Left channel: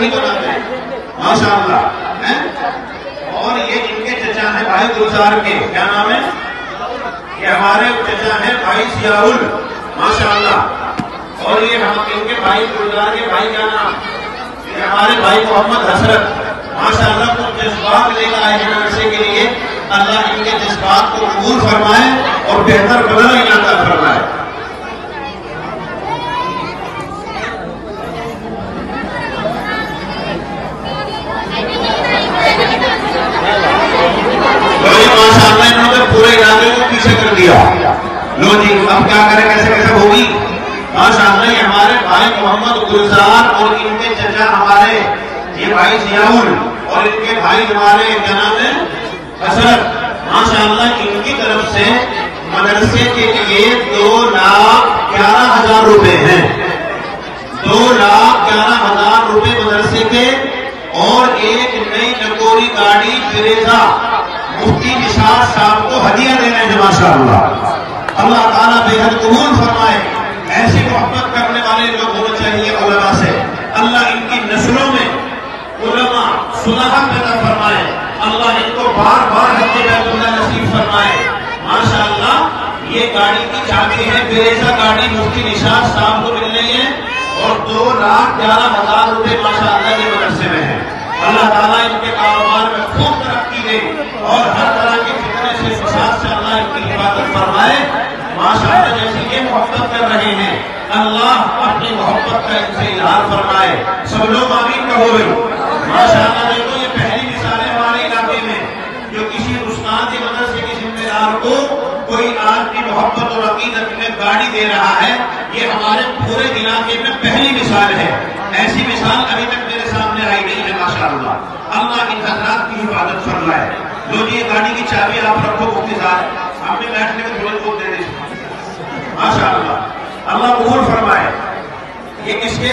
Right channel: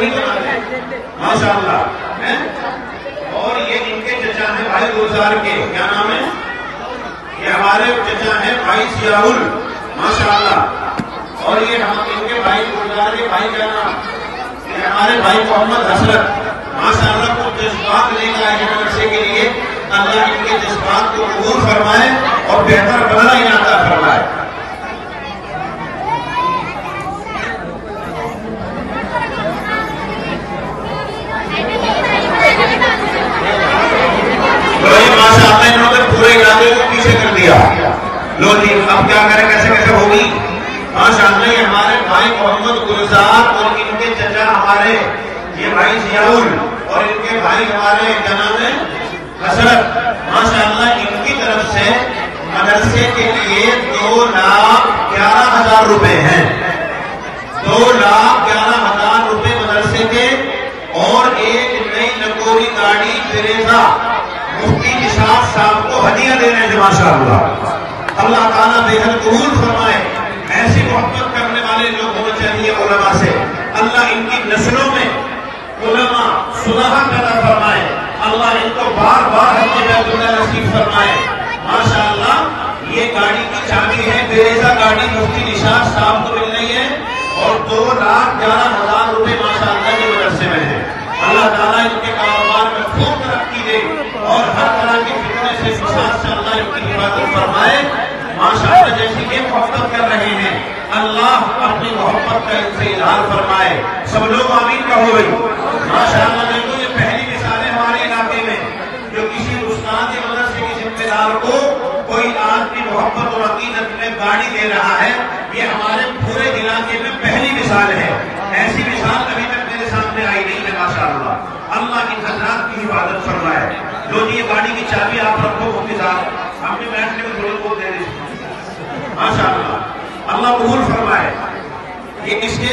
نہیں بناتے ماشاء اللہ. اور یہ ان کے چچا ہیں بھائی گلزار کے، کیا نام ہے؟ یہ ہمارے چچا ہیں بھائی ضیاء ماشاء اللہ. اور یہ ہم ان کے بھائی گلزار کے بھائی کیا نام؟ یہ ہمارے بھائی محمد حسرت ماشاء اللہ کو جذبات لے کر آئے ہیں مدرسے کے لیے. اللہ ان کے جذبات کو قبول فرمائے اور بہتر بدلہ عطا فرمائے. ماشاء اللہ انہوں نے پورے علاقے کو پیچھے کر دیا. لو جی اب کیا کریں، کیسے کیسے ہوگی. ماشاء اللہ یہ ہمارے بھائی محمد گلزار اور ان کے چچا ہمارے یہ بھائی ضیاء اور ان کے بھائی ہمارے جناب حسرت ماشاء اللہ ان کی طرف سے مدرسے کے لیے 2,11,000 روپے ہیں. 2,11,000 روپے مدرسے کے اور ایک نئی نکوری گاڑی فریزا مفتی نثار صاحب کو ہدیہ دے رہے ہیں ماشاء اللہ. اللہ تعالیٰ بہتر قبول فرمائے. ایسی محبت کرنے والے لوگ ہونے چاہیے علماء سے. اللہ ان کی نسلوں میں علماء صدقہ پیدا فرمائے. اللہ ان کو بار بار اپنے بیت اللہ نصیب فرمائے. ماشاء اللہ یہ گاڑی کی چابی ہے، فریزا گاڑی مفتی نثار صاحب کو مل رہی ہے اور 2,11,000 روپے ماشاء اللہ کے مدرسے میں ہے. اللہ تعالیٰ ان کے کاروبار میں خوب ترقی دے اور ہر طرح کے فتنے سے فساد سے اللہ ان کی حفاظت فرمائے. ماشاء اللہ جیسی یہ محبت کر رہے ہیں اللہ اپنی محبت کا ان سے اظہار فرمائے. سب لوگ آمین کہو. ماشاء اللہ دیکھو یہ پہلی مثال ہے ہمارے علاقے میں جو کسی استاد کے مدرسے کے ذمہ دار کو کوئی آدمی محبت اور عقیدت میں گاڑی دے رہا ہے. یہ ہمارے پورے علاقے میں پہلی مثال ہے. ایسی مثال ابھی تک میرے سامنے آئی نہیں ہے ماشاء اللہ. اللہ ان حضرات کی حفاظت فرمائے. جو یہ گاڑی کی چابی آپ رکھو مفتی صاحب آپ نے بیٹھ کے تھوڑے بہت دے دی ماشاء اللہ. اللہ قبول فرمائے. یہ کس کے